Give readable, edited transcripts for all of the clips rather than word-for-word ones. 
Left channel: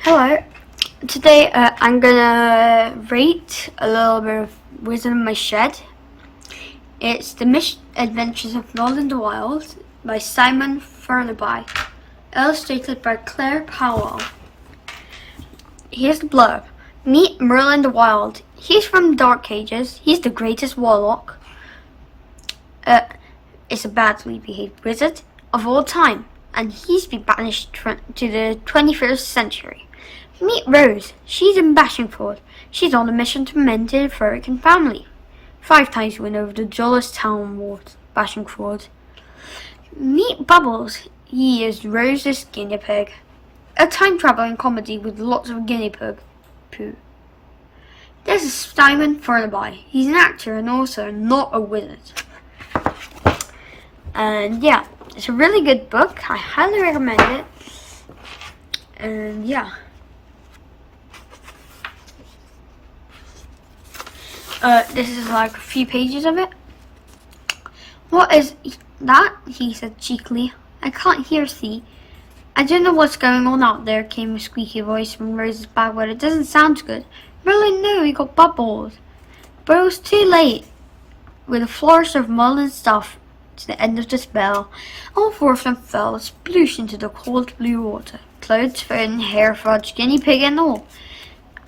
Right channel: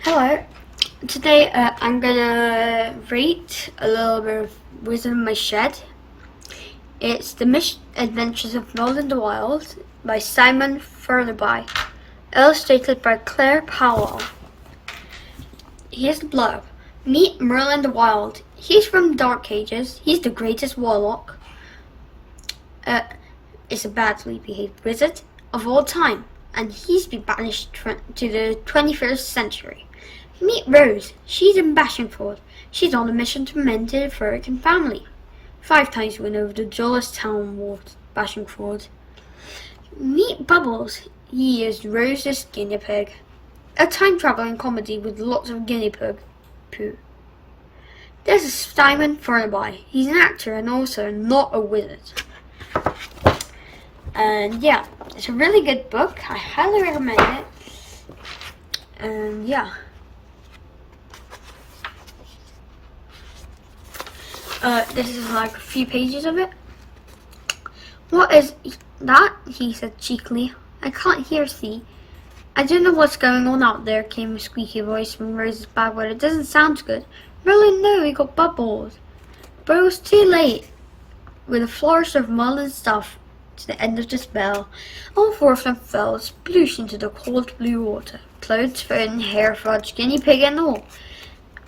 Hello. Today I'm gonna rate a little bit of Wizard in My Shed. It's The Misadventures of Merlin the Wild by Simon Furnaby, illustrated by Claire Powell. Here's the blurb. Meet Merlin the Wild. He's from Dark Ages. He's the greatest warlock. It's a badly behaved wizard of all time, and he's been banished to the 21st century. Meet Rose. She's in Bashingford. She's on a mission to mend the Furrican family. 5 times win over the dullest town wards, Bashingford. Meet Bubbles. He is Rose's guinea pig. A time-traveling comedy with lots of guinea pig poo. This is Simon Furnaby. He's an actor and also not a wizard. And yeah, it's a really good book. I highly recommend it. And yeah. This is like a few pages of it. What is that? He said cheekily. I can't hear thee. I don't know what's going on out there, came a squeaky voice from Rose's bag, but it doesn't sound good. Merlin, no, he got Bubbles. But it was too late. With a flourish of Merlin's stuff to the end of the spell, all 4 of them fell sploosh into the cold blue water. Clothes, phone, hair, fudge, guinea pig and all.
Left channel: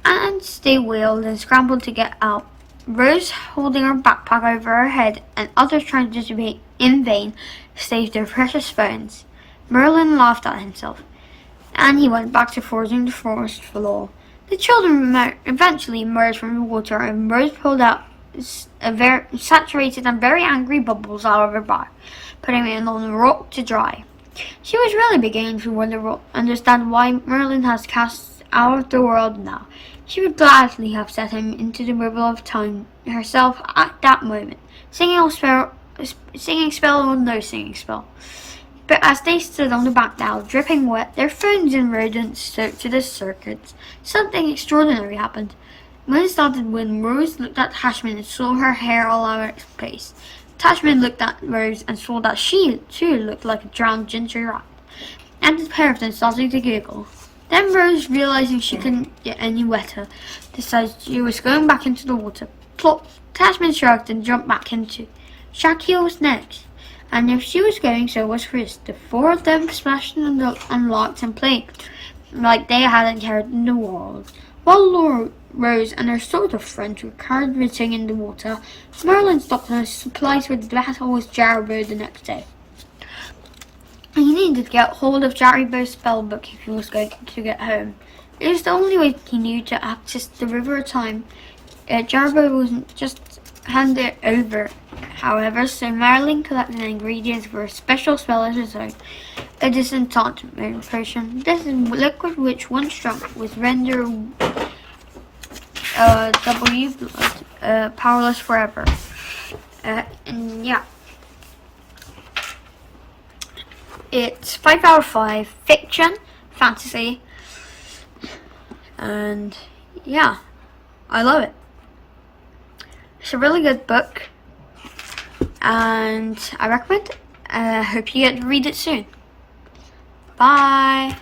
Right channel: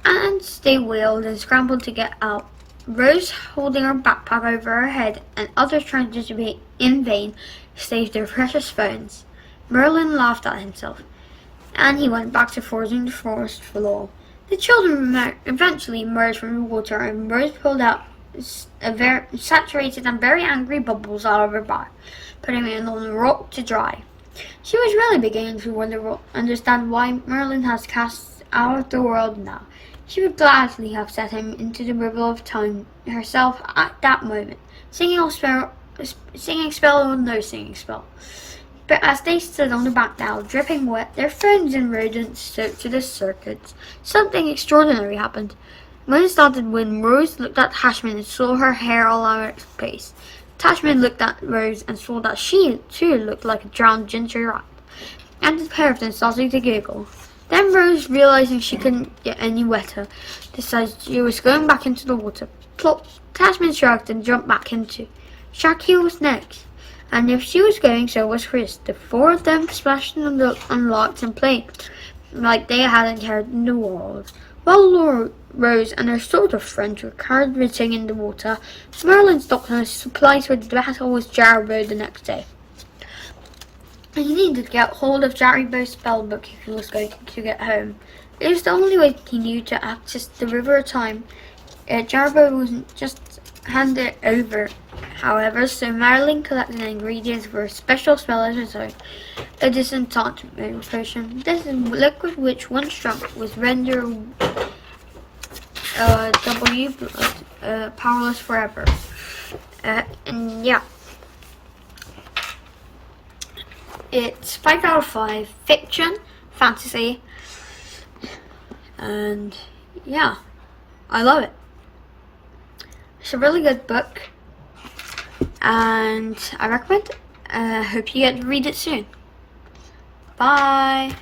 And they wailed and scrambled to get out. Rose holding her backpack over her head, and others trying to debate in vain, saved their precious phones. Merlin laughed at himself, and he went back to foraging the forest floor. The children eventually emerged from the water, and Rose pulled out a very saturated and very angry Bubbles out of her bag, putting him on the rock to dry. She was really beginning to understand why Merlin has cast out of the world now. She would gladly have set him into the river of time herself at that moment, singing spell or no singing spell. But as they stood on the back now, dripping wet, their ferns and rodents soaked to the circuits, something extraordinary happened. When it started wind, Rose looked at Tashmin and saw her hair all over its place. Tashmin looked at Rose and saw that she too looked like a drowned ginger rat, and the pair of them started to giggle. Then Rose, realizing she couldn't get any wetter, decided she was going back into the water. Plop! Tashmin shrugged and jumped back into. Shaki was next, and if she was going, so was Chris. The 4 of them splashed and larked and played like they hadn't cared in the world. While Rose and her sort of friends were carrying in the water, Merlin stocked on his supplies for the battle with Jaribo the next day. He needed to get hold of Jaribo's spellbook if he was going to get home. It was the only way he knew to access the River of Time. Jaribo wasn't just handed over, however, so Merlin collected ingredients for a special spell of his own, a disenchantment potion. This liquid which once drunk was rendered powerless forever. And yeah. It's 5 out of 5, fiction, fantasy, and yeah, I love it. It's a really good book, and I recommend it. Hope you get to read it soon. Bye.